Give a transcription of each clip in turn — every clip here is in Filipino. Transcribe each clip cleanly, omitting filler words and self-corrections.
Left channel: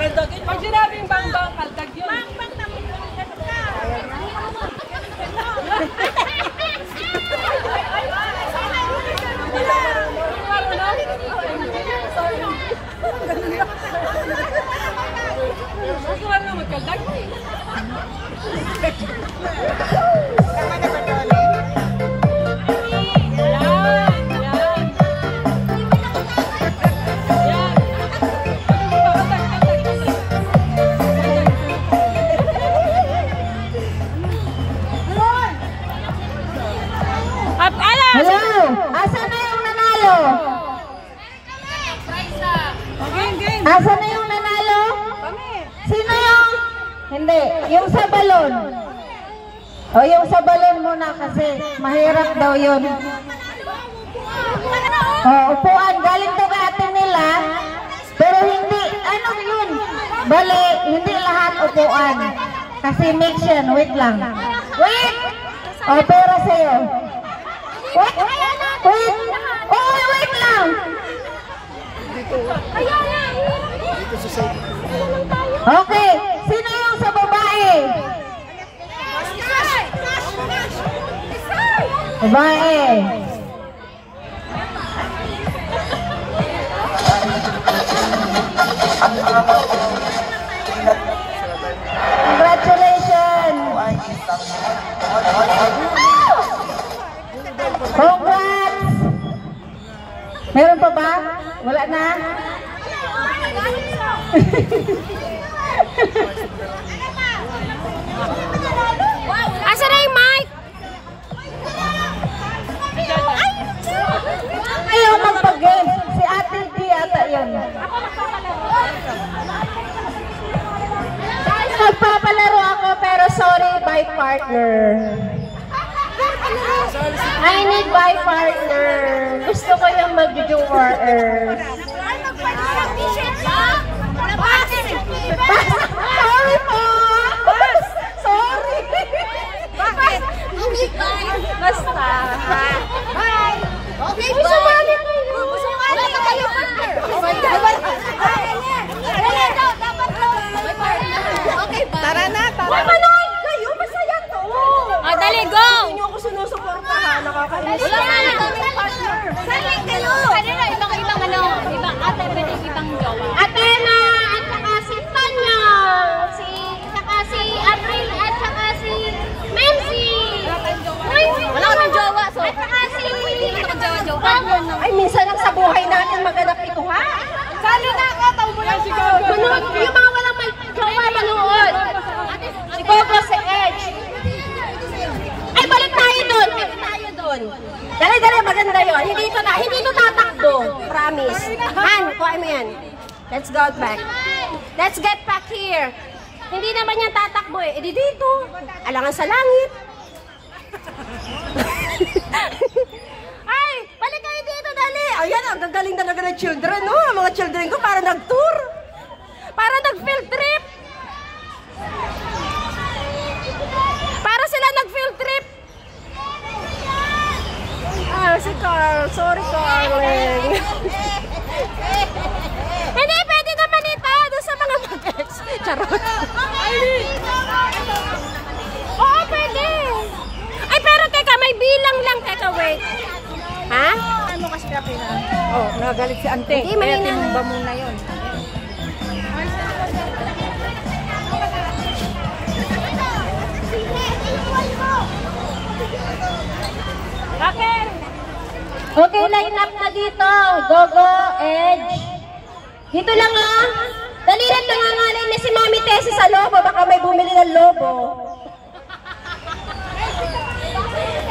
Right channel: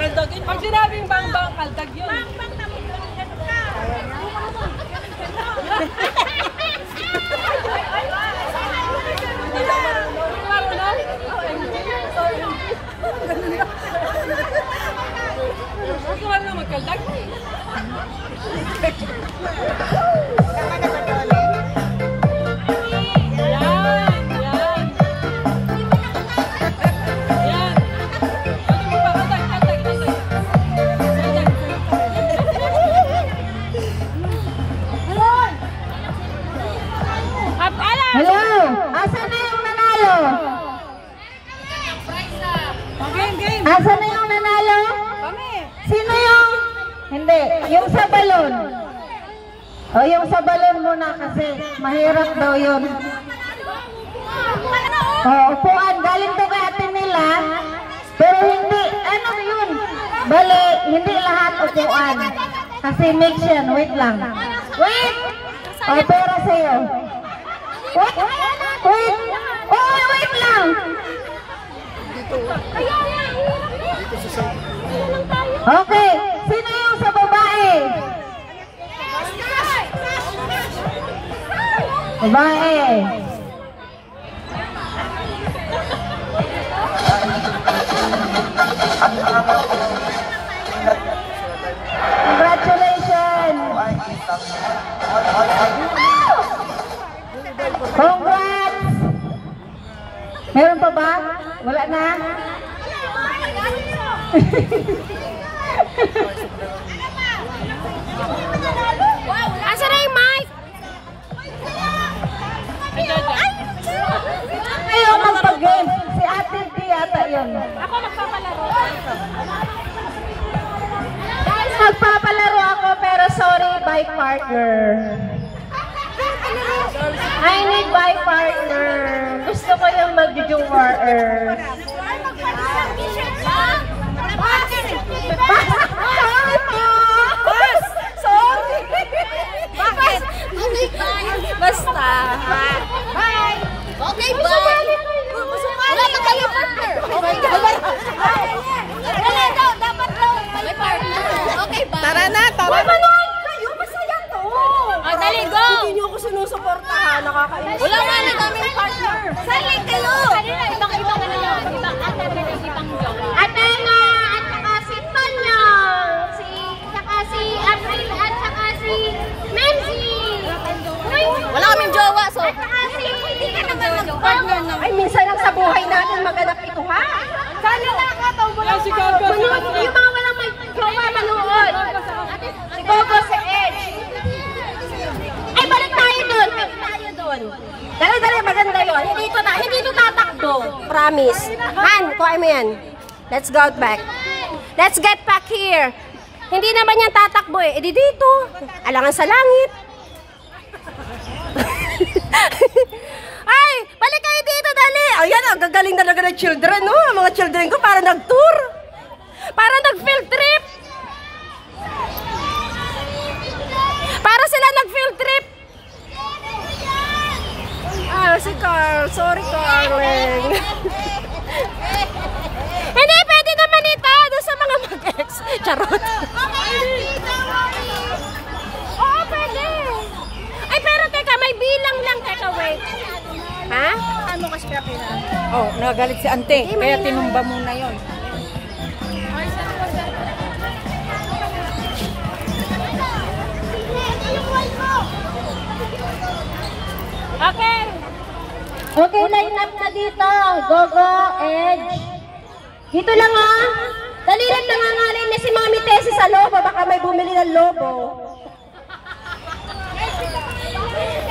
Kaldagin. Pag sinabing bang-bang, kaldag yun. Tama na ba doon eh? Hello! Asa na yung nanalo? Asa na yung nanalo? Sino yung? Hindi, yung sa balon. O yung sa balon muna kasi mahirap daw yun. O upuan, galing to atin nila. Pero hindi, ano yun? Bali, hindi lahat upuan. Kasi mix yan, wait lang. Wait! O pera sa'yo. Wait! Wait! Oh, wait lang! Okay, sino yung sa babae? Babae. Congratulations! Congrats! Meron pa ba? Wala na? Asa na yung mic? Ayaw magpag-game. Si Ate D ata yun. Nagpapalaro ako pero sorry, by partner. I need by partner. Gusto ko yung mag-jower. Sorry po! Sorry! Okay, bye! Basta! Okay, bye! Wala na kayo partner! Wala daw, dapat daw kayo partner! Okay, bye! Tara na! Manood kayo! Masaya to! Dali, go! Hindi nyo ako sinusuportahan. Nakakainis. Wala na daw partner! Saling kayo! Kanina, ibang ano, ibang ate, ibang jowa. Ate na! At saka si Tanya! Saka si April! At saka si Memsi! Wala kaming jowa, so... At saka si... Jowa. Ay, minsan lang sa buhay natin maganap ito, ha? Sana nakataw mo lang si Gago. Manood, yung mga walang jowa, manood. Si Gogo, si Edge. Ay, balik tayo doon. Balik tayo doon. Dali, maganda yun. Hindi ito tatakbo. Promise. Han, kuha mo yan. Let's go back. Let's get back here. Hindi naman yan tatakbo eh. Edi dito. Alangan sa langit. Ay, balik kayo dito, dali. Ayan, ang gagaling talaga ng children, no? Ang mga children ko para nag-tour. Para nag-field trip. Para sila nag-field trip. Ah, si Carl. Sorry, Carl. Hindi, pwede naman ito. Doon sa mga mag-ex. Charot. Oo, pwede. Ay, pero teka, may bilang lang. Teka, wait. Ha? Ano kasi kaya pina? Oh, nagalit si Ante. Hindi, Kaya mahina. tinumba muna yun. Okay, line up na dito. Gogo, Edge. Dito lang ah. Dali lang nangangalay na si Mami Tessie sa lobo. Baka may bumili ng lobo.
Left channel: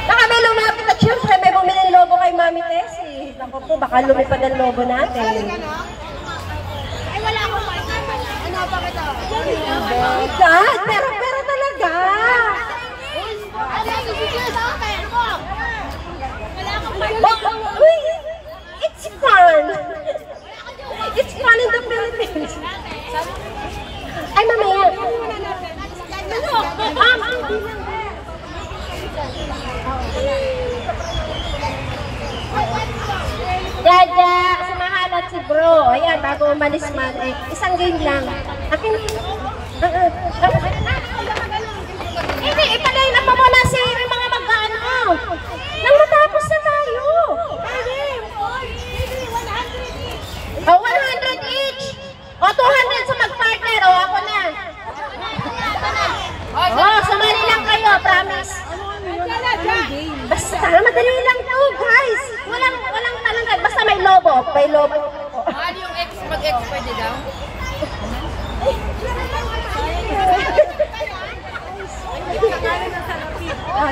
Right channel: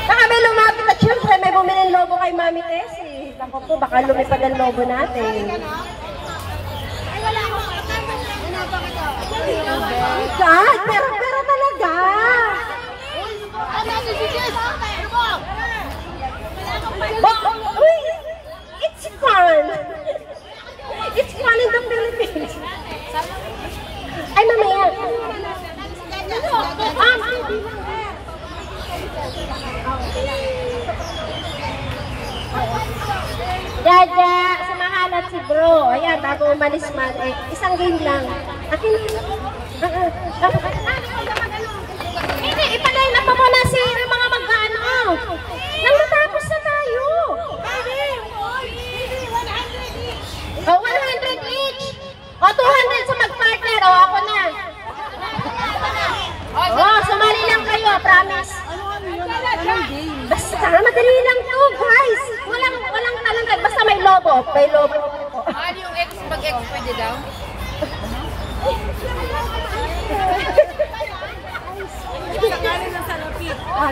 Baka may lumapit at syempre may bumili ng lobo kay Mami Tessie. Naku po, baka lumipad ang lobo natin. Ay, wala akong pakita. Inapa kita. God, pero talaga. Uy, it's fun. It's fun in the Philippines. Ay, mamaya. Jaja, samahan at si bro. Ayan, bago umalis man. Eh, isang game lang. Akin. Hindi, ipalain na pa muna si mga mag-ano. Nang matapos na tayo. O, 100 each. O, 200 sa mag-partner. O, ako na. O, sumali lang kayo, promise. Basta, madali lang to, guys. Walang talaga. Basta may lobo. May lobo. Yung ex, pag-ex pwede daw?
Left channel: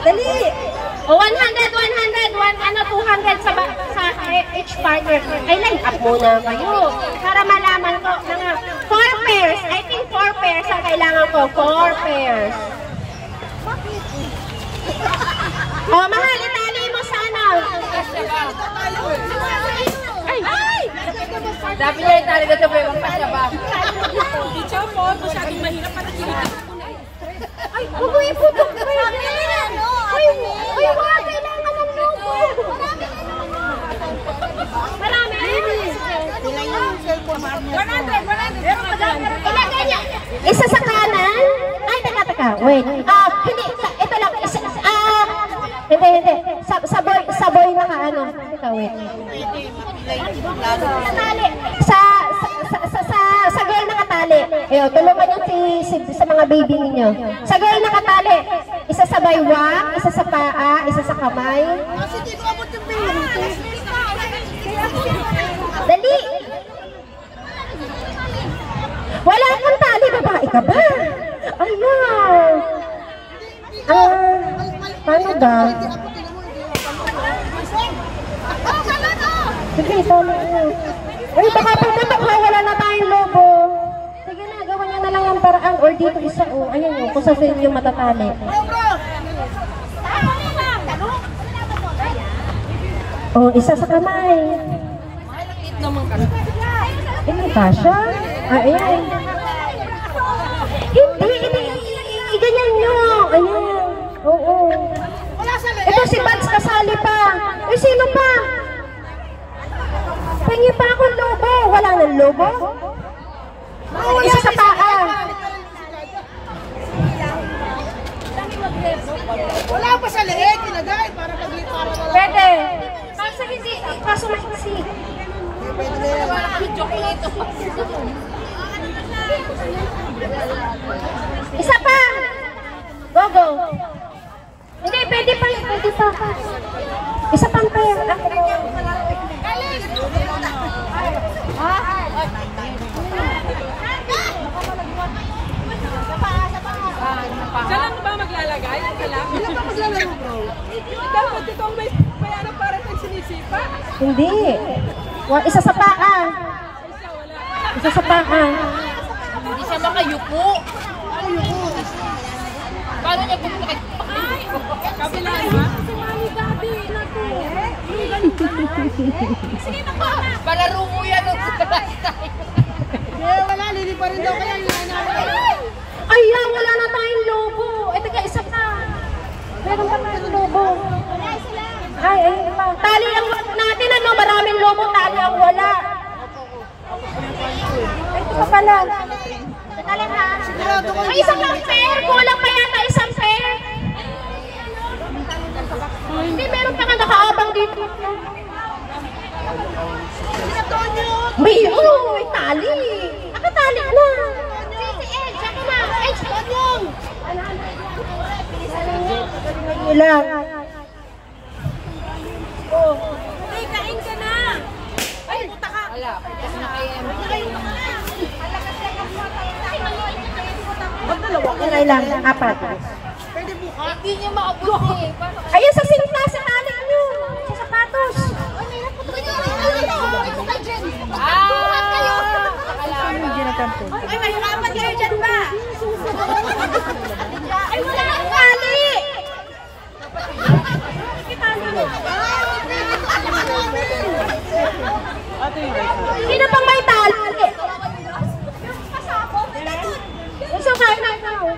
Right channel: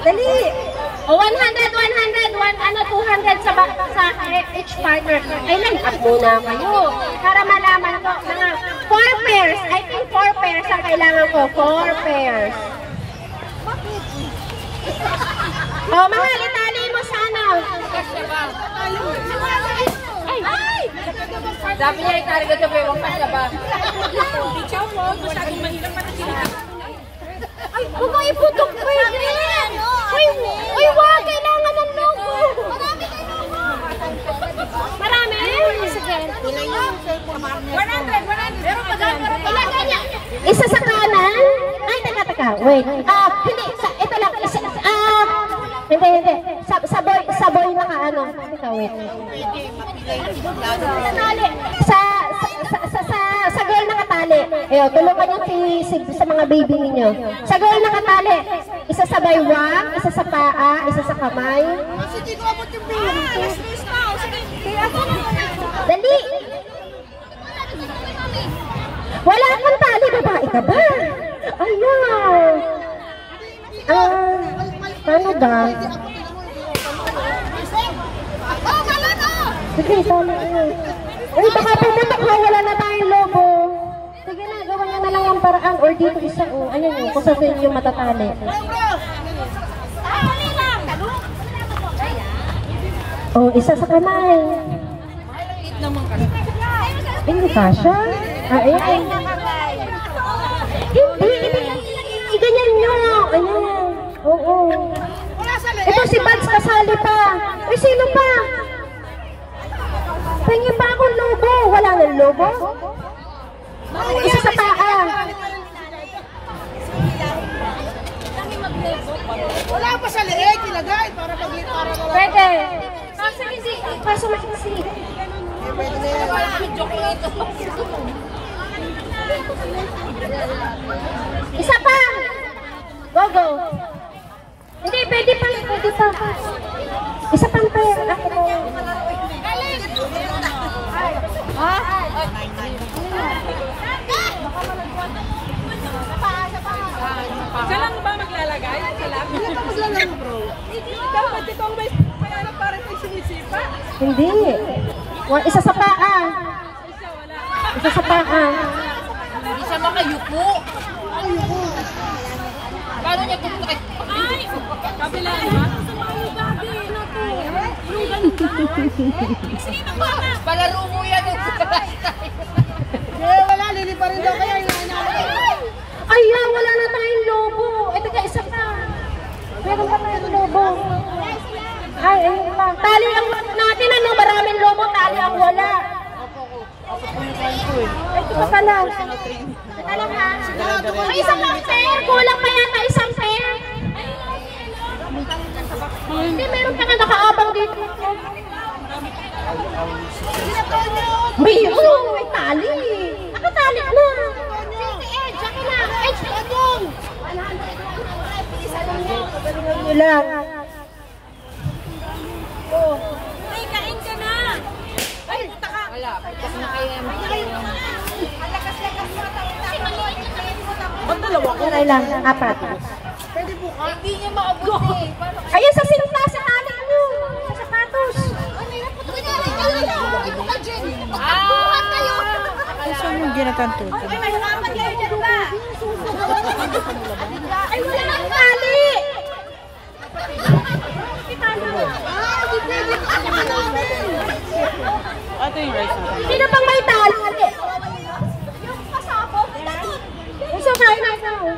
Dali. O, 100, 200 sa each partner. Ay, line up muna kayo. Para malaman ko, mga 4 pairs. I think 4 pairs ang kailangan ko. 4 pairs. O, mahal, itali mo sana. Ay! Sabi niya itali ka sa bewang pasaba. Ay, huwag mo iputok ko yun. Uy, wag, kailangan ng logo. Marami? 100. Ilagay niya. Isa sa kanan? Ay, teka. Wait. Hindi. Ito lang. Hindi. Sa boy na ka, ano. Teka, wait. Natali. Sa girl nakatali. Ayun, tulungan nyo sa mga baby ninyo. Sa girl nakatali. Isa sa baywang, isa sa paa, isa sa kamay. Dali! Wala kang tali, babae ka ba? Ayaw! Paano ba? Sige, tali nyo. Uy, baka wala na tayong lobo. Sige na, gawan nyo na lang ang paraan. Or dito isa, ayan yun, kung sa inyo matatali. Isa sa kamay. Hindi pa siya? Ayan. Hindi. Ganyan nyo. Ayan. Oo. Ito si Mads kasali pa. Sino pa? Pengi pa akong lobo. Wala nang lobo? Isa sa paa. Wala pa sa leeg, ilagay para pag-para wala. Pwede. Kaso hindi. Kaso mahiksi. Pwede na yan. Wala kang chocolate. Isa pa. Go. Hindi, pwede pa. Isa pang pair. Siya lang ba maglalagay? Sila ka maglalaro, bro? Dapat ikaw may kaya para pag sinisipa. Hindi. Isa sa paa. Isa sa paa. Hindi siya makayuko. Paano niya pumunta kay... Ay! Sabi lang ba? Si Mami Gabi na to. Sino ba? Palaro mo yan. Kaya wala, lili pa rin daw kaya yung nanay. Ayan, wala na tayong lobo. Ito ka, isa pa. Meron pa tayong lobo. Ay, ayun pa. Tali ang natin, ano? Maraming lobo, tali ang wala. Ay, ito pa pala. Teka lang ha. Ay, isang lang pair. Kulang pa yata isang pair. Hindi, meron pa nga nakaabang dito. May tali. Nakatali na. Lang. Hey, kain ka na! Ay, taka! Wala, pitas na kayo. Kiray lang, 4. Pwede buka? Hindi niya maabot eh. Ayun sa sinta, sa tali nyo. Sa sapatos. Ito ka, Jen! Magkabuhat kayo! Yung ginakanto. Ay, mahirapan kayo dyan ba? Ay, wala nang tali. Sino pang may tali? Gusto kain na ikaw.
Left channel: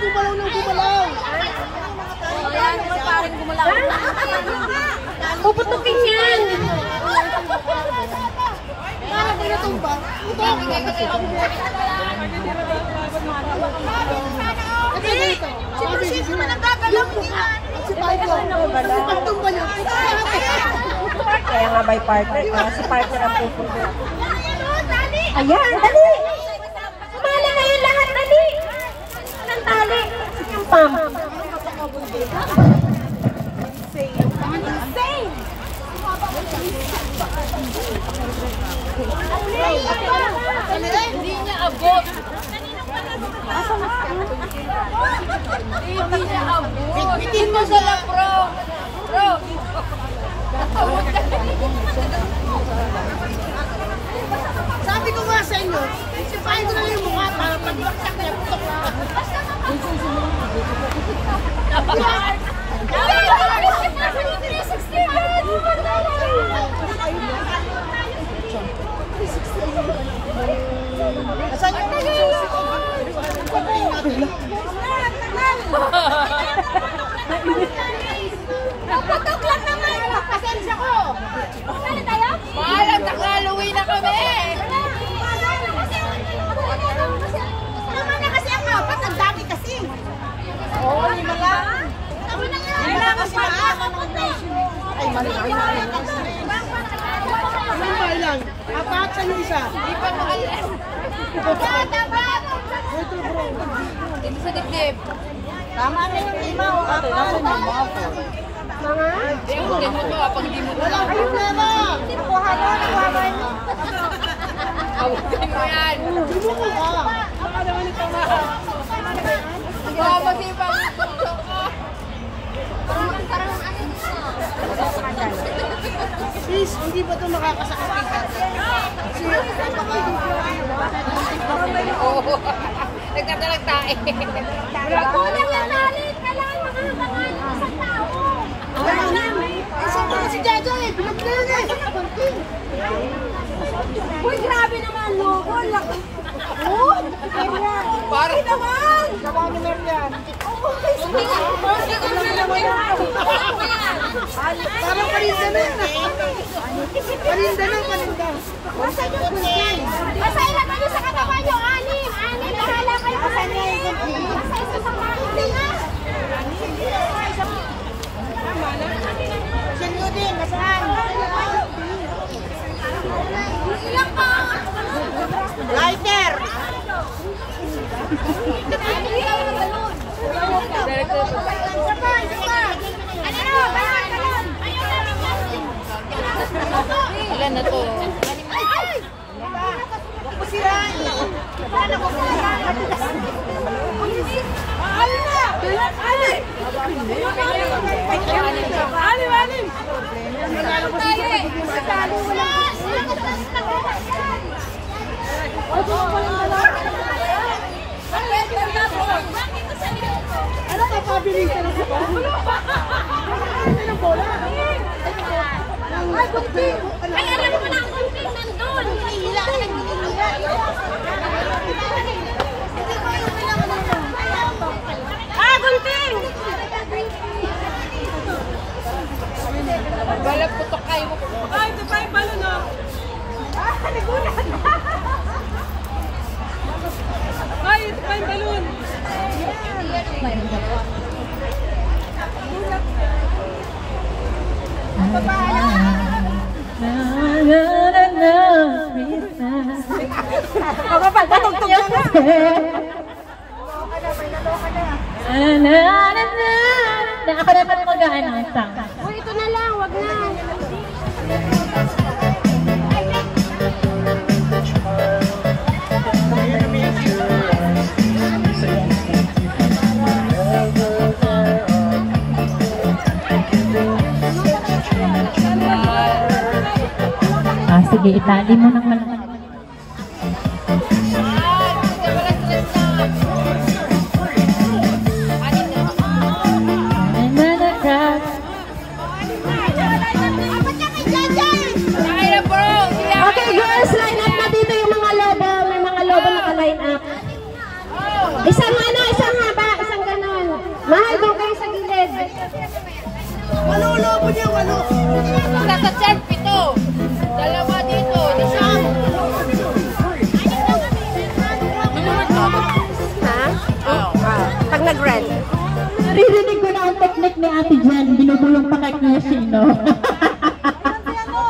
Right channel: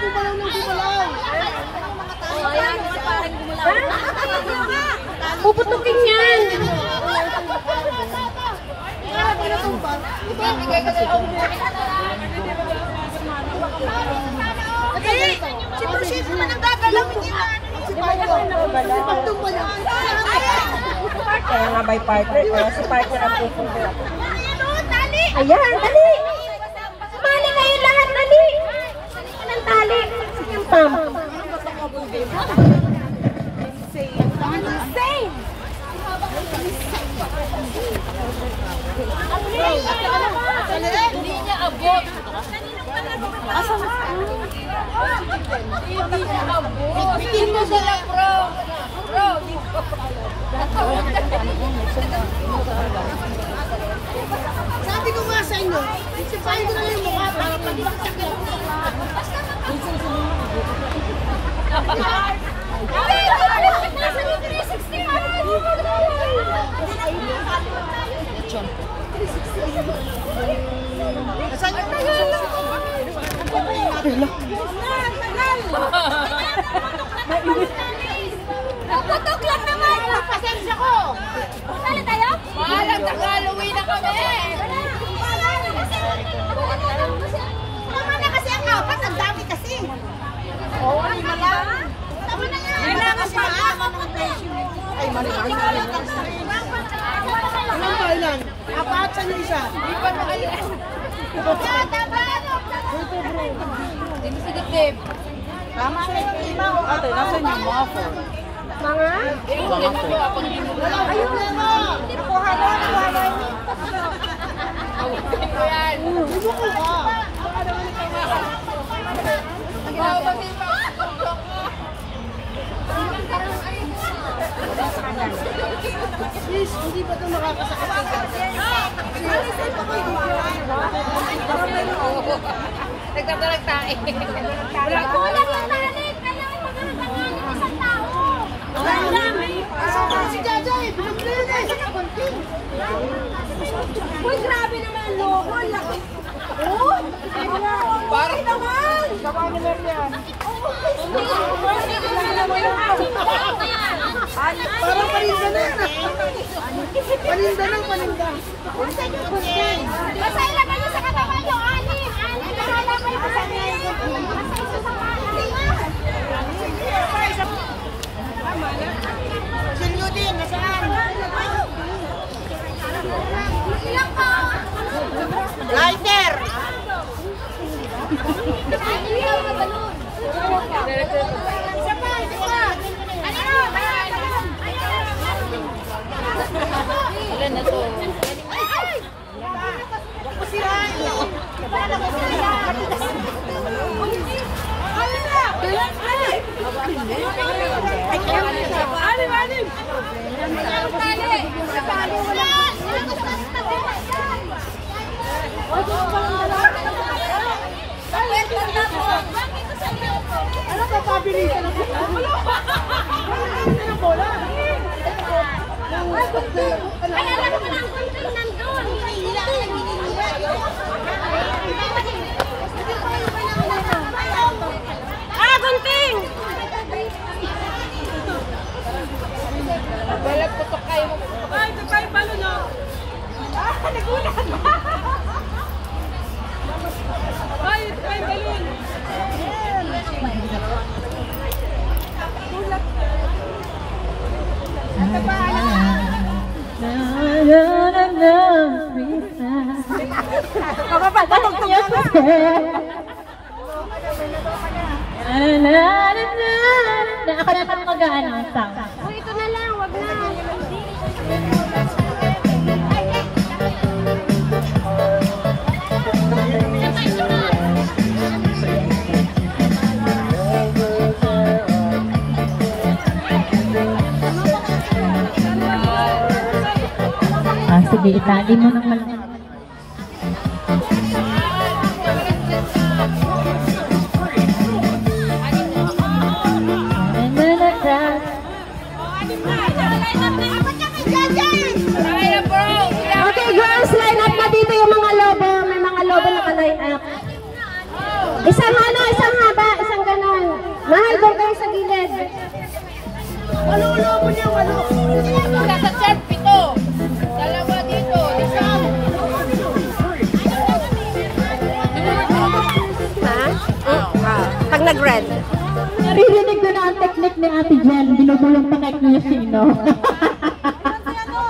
Gumalaw ng gumalaw. Puputukin yan. Siyempre naman ang gagalaw, hindi na. Kaya nga may partner, kaya si partner ang pupunta. Tali! Ayan, dali! Sumali kayo lahat, dali! Anong tali? Yung pam. Insane! Hindi niya abot. Hindi niya abot. Bitin mo sila, bro. Bro, Sabi ko nga sa inyo, sipahin ko na yung mukha para pag-iwaksak na putok lang. nasa yung 360. Nasaan yung Naputok lang naman. Pasensya ko. Saan tayo? Bahalang nakaluwi na kami. Tama na kasi ang apat. Ang dami kasi. Oo, lima lang. Tama na nga. Lima lang kasi mali naman ang presyo. Ay, mali. Ilan ba ilan? Apat sa yung isa. Hindi pa makalit. Tama. Ito bro. Dito sa dibdib. Tama na yung lima o apat. Wala kayong lima. Nakuha na, nakuha na. Subo ko ka. Sis, hindi ba ito nakakasakit kay Kasi Nagtatalag tayo. Kulang yung tali. Kailangan makahabangan yung isang tao. Asan ba si Jaja eh? Bilog na yun eh. Uy, grabe naman, logo. Laki. Oh, parang naman. Baba mo na yan. Parang paninda na yan. Paninda na, paninda. Basta ilagay niyo sa katawan yung anim. Anim. Bahala kayo sa anim. Basta isa sa mga anim. Tama na. Sinlo din, nasaan? Ilang ka? Lighter! Ilan na to? Huwag mo sirain. Wala na mo sirain. Ano ka pabilisan ako? Ano ng bola? Ay, kunti. Ay, alam mo na ang kunti nandun. Hila ka lang hinihila. Ah, kunting! Wala putok kayo. Ay, ito kayo balo na. Ay, ito kayo balon. Kapapagtugtog ka nga. Ako naman mag-aan ang sound. Uy, ito na lang, wag na. Sige, itali mo ng malaki. Okay, girls, line up na dito yung mga lobo. May mga lobo naka-line up. Isang ano, isang haba, isang ganon. Mahal doon kayo sa gilid. Ano, lobo niya, ano? Nasa chat, pito. Dalawa dito, isang. nag-red. Naririnig ko na ang technique ni Ate Jen. Binubulong pa kay Kuya Shino.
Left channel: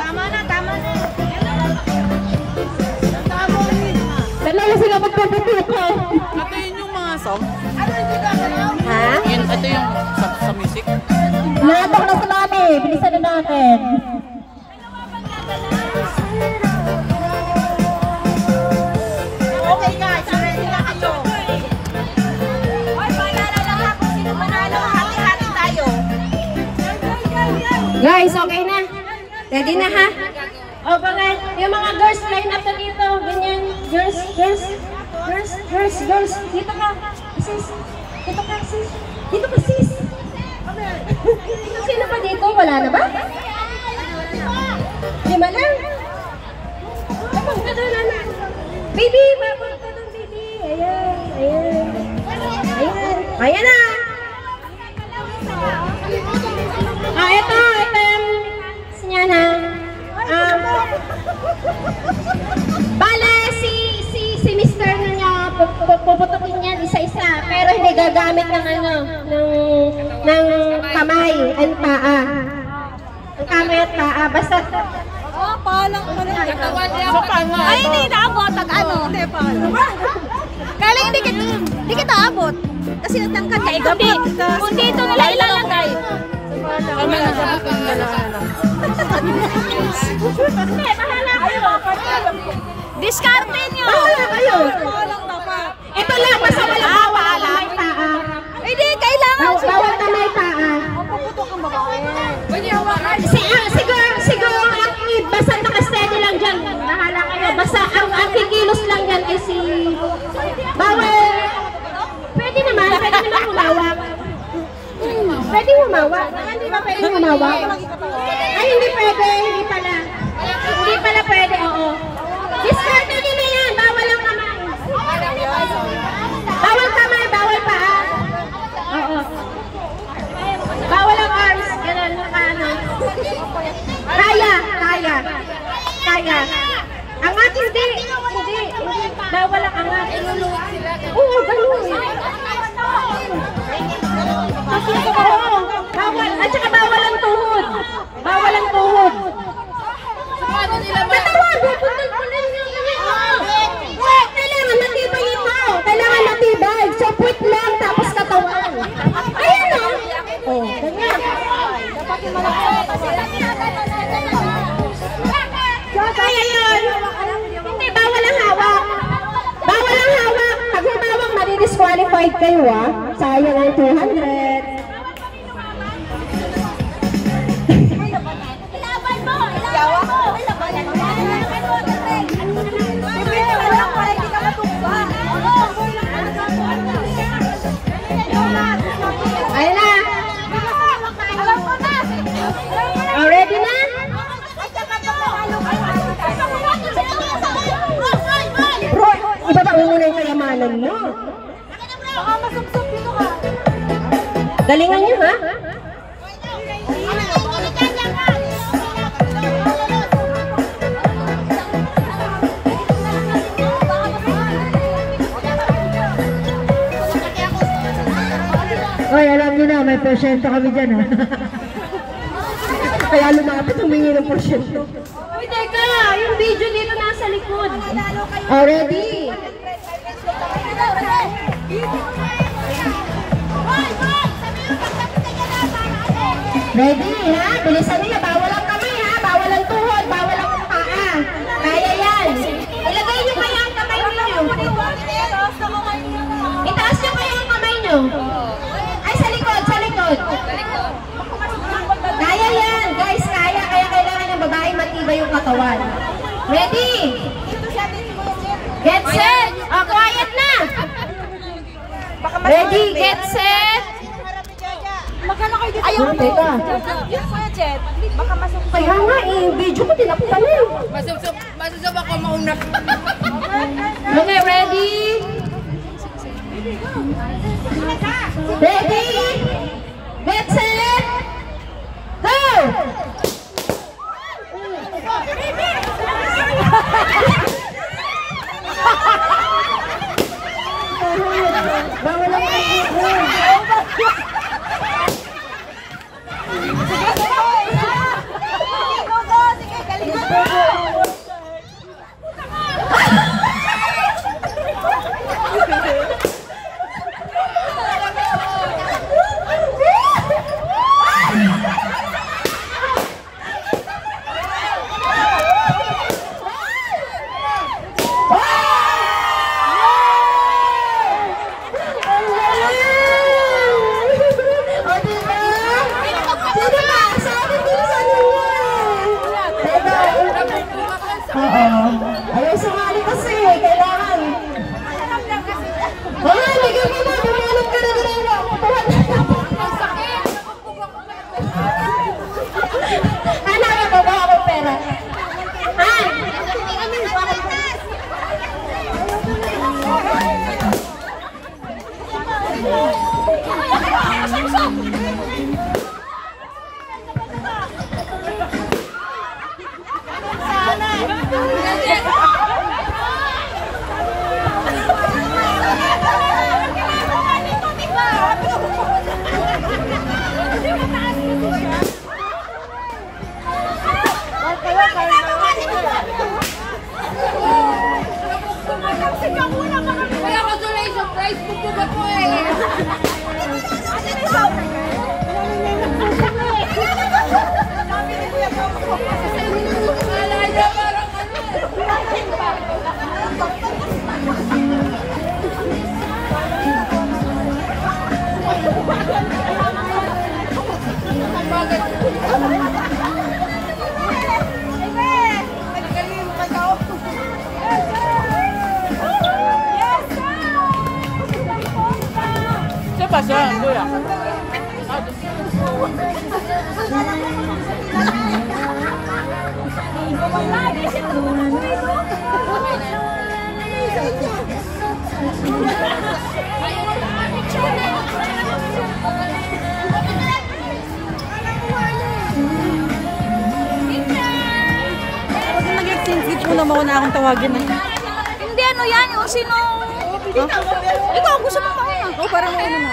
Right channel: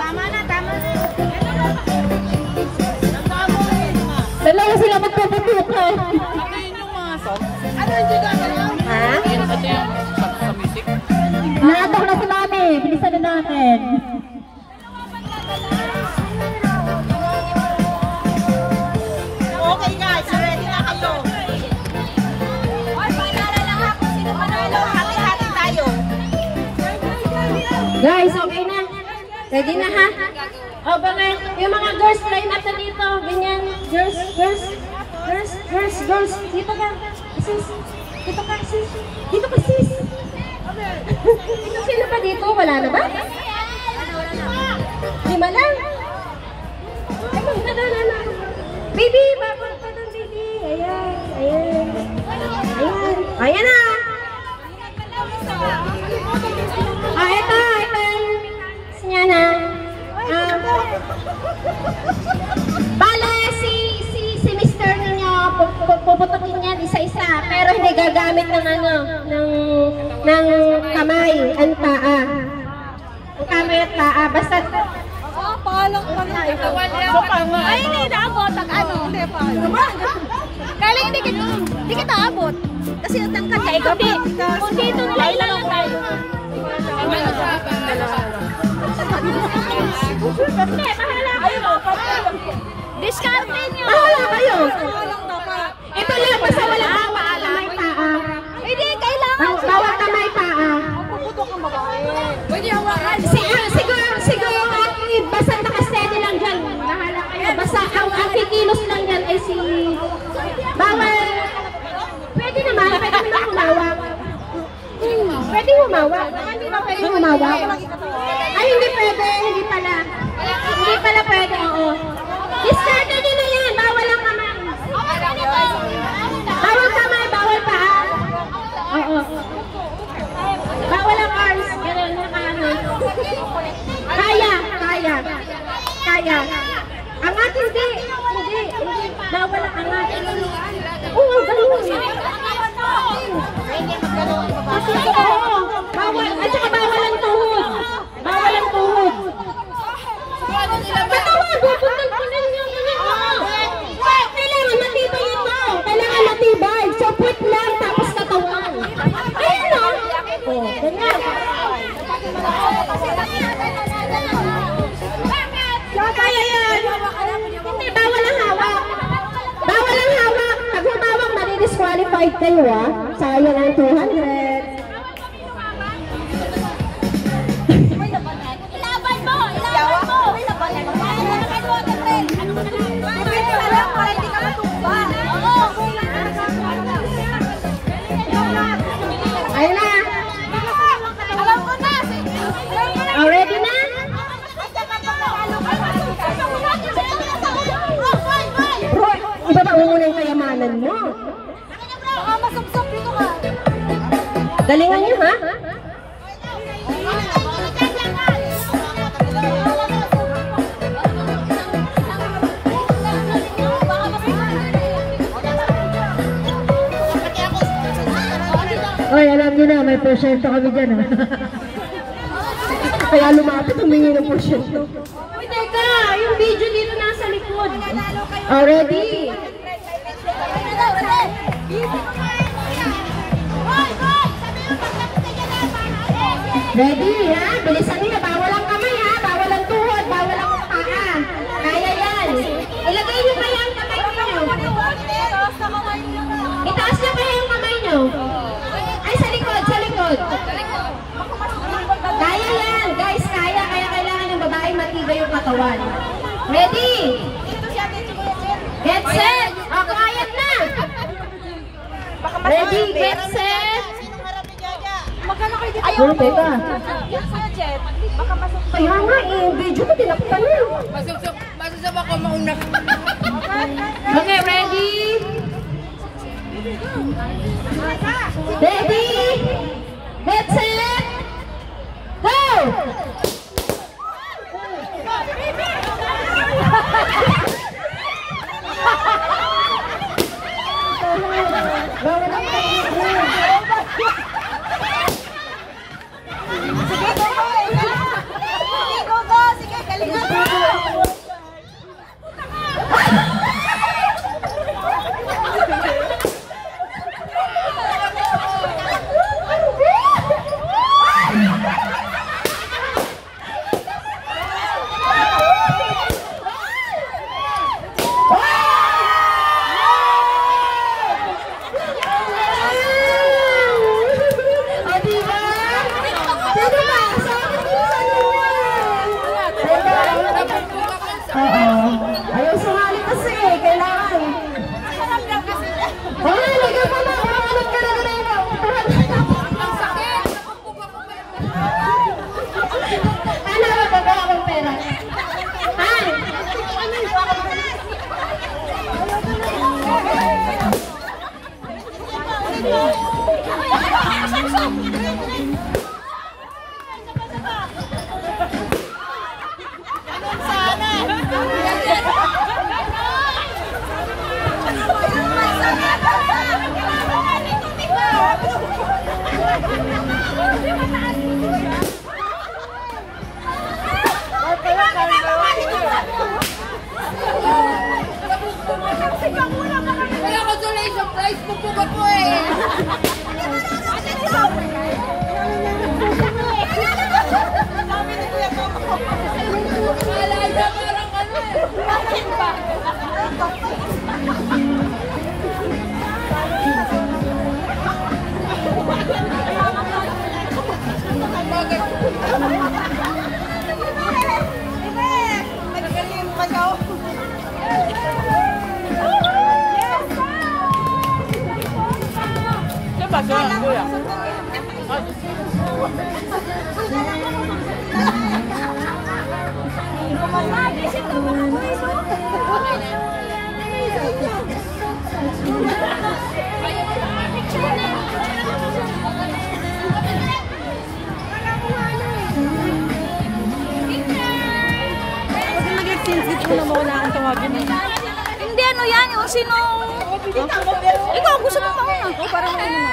Tama na, tama na. Talaga sila magpapapukan. Ha? Natabak na sa nami. Bilisan na natin. Okay guys, ready na kayo. Ay, panala lang ako. Sino panalo? Hati-hati tayo. Guys, okay na. Ready na ha? O baka yung mga girls line up na dito. Ganyan. Girls, girls. Girls, girls, girls. Dito ka. Sis. Dito ka, sis. Dito ka, sis. Sino pa dito? Wala na ba? Lima lang. Ay, magdadala na. Baby, babang ka ng baby. Ayan, ayan. Ayan. Ayan na. Ito yung sinyana. Bale, si Mr. ninyo, puputukin yan isa-isa, pero hindi gagamit ng ng kamay at paa. Ang kamay at paa, basta Ay, hindi naabot. Ano? Kailan hindi kita abot. Kasi natangkad ka. Kung dito nila ilalagay. Hindi, bahala kayo. Discarte nyo. bahala kayo. Ito lang, basta wala bawal kamay paa. Hindi, kailangan Bawal kamay paa. Siguro basta nakasteady lang dyan. Bahala kayo. Basta ang kikilos lang yan ay si... Bawal. Pwede naman humawak. Pwede humawak. Hindi ba pwede humawak? Ay, hindi pwede. Hindi pala. Hindi pala pwede, oo. Discarte nyo na yan. Bawal ang kamay. Bawal kamay, bawal paa. Oo. Bawal ang arms. Ganun, nakaano. Kaya. Angat, hindi. Bawal ang angat. Oo, ganun. Oo, bawal. At saka bawal ang tuhod. Patawag, puntal yung wait, kailangan matibay ito. Kailangan matibay. So, put lang, tapos katawan. Ayan o. Oh, ganyan. So, kaya yan. Hindi, bawal ang hawak. Pag humawak, madi-disqualified kayo ah. Sayang ang 200. Ayun na. Oh, ready na? Bro, ibaba mo muna yung kayamanan mo. Galingan niyo ha? Ay, alam nyo na, may porsyento kami dyan ha. Kaya lumapit, humingi ng porsyento. Uy, teka! Yung video dito nasa likod. Oh, ready? Ready ha? Bilisan niyo. Bawal ang kamay ha? Bawal ang tuhod. Bawal ang paa. Kaya yan. Ilagay niyo kaya ang kamay niyo. Itaas niyo kaya ang kamay niyo. Ay, sa likod. Kaya yan. Guys, kaya. Kaya kailangan yung babae matibay yung katawan. Ready? Get set. O, quiet na. Ready, get set. Ayun, teka. Kaya nga eh, video ko tinapos na yun. Masusap ako mauna pa. Okay, ready? Ready? Get set. Go! Bawal ang sumali kasi. Kailangan. Oh, ligaw mo na. Bumanap ka na ginawa. Ang sakit! Ano na ba akong pera? Ha? Kaya ko tuloy sa price pupug ako eh. Alaya parang ano Pag nag-exchange gift mo naman na akong tawagin mo. Hindi ano yan, yung sino... Ikaw, gusto mo mauna. Oo, parang ano mo.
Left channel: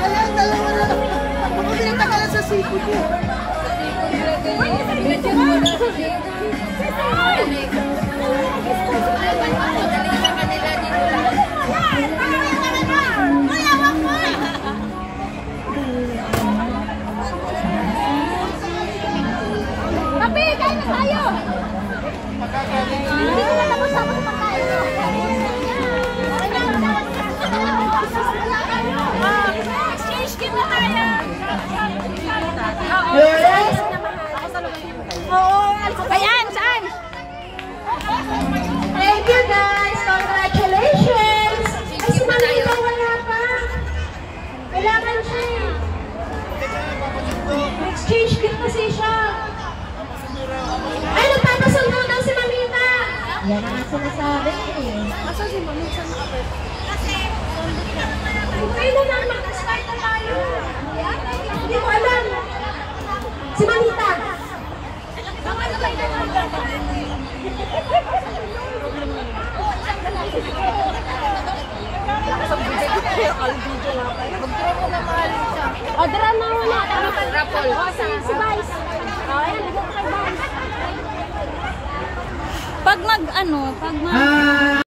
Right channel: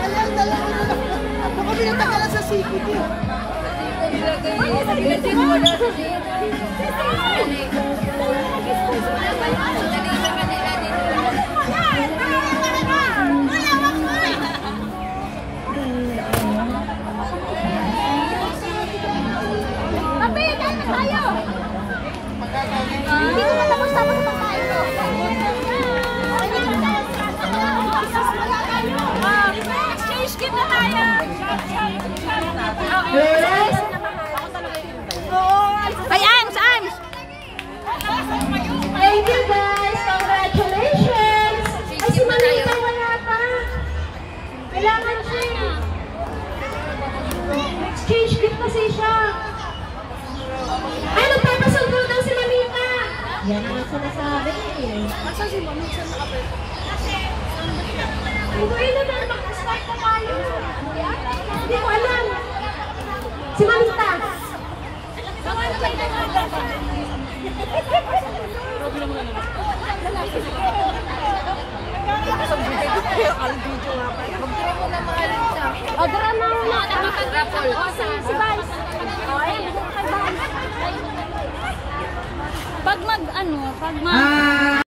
Alam, dalawa na lang. Baka pinatagalan sa sikod mo. Hindi ko matapos sa pagkain ko. Exchange gift na tayo. Yes. Oo, ayan, saan? Thank you guys. Congratulations. Ay, si Manita wala pa. Kailangan siya. Exchange gift kasi siya. Ay, nagpapasundo daw si Manita. Yan ang sinasabi eh. Masa si Mami sa nakapit? Kailan na mag-start na tayo? Hindi ko alam. Si Manita. Al-video nga pa. Mag-draw mo na mga lisa. O, dara na una. Rapol. O, si Vice. O, ayan, bigyan ko kay Vice. Pag mag, ano, pag mag...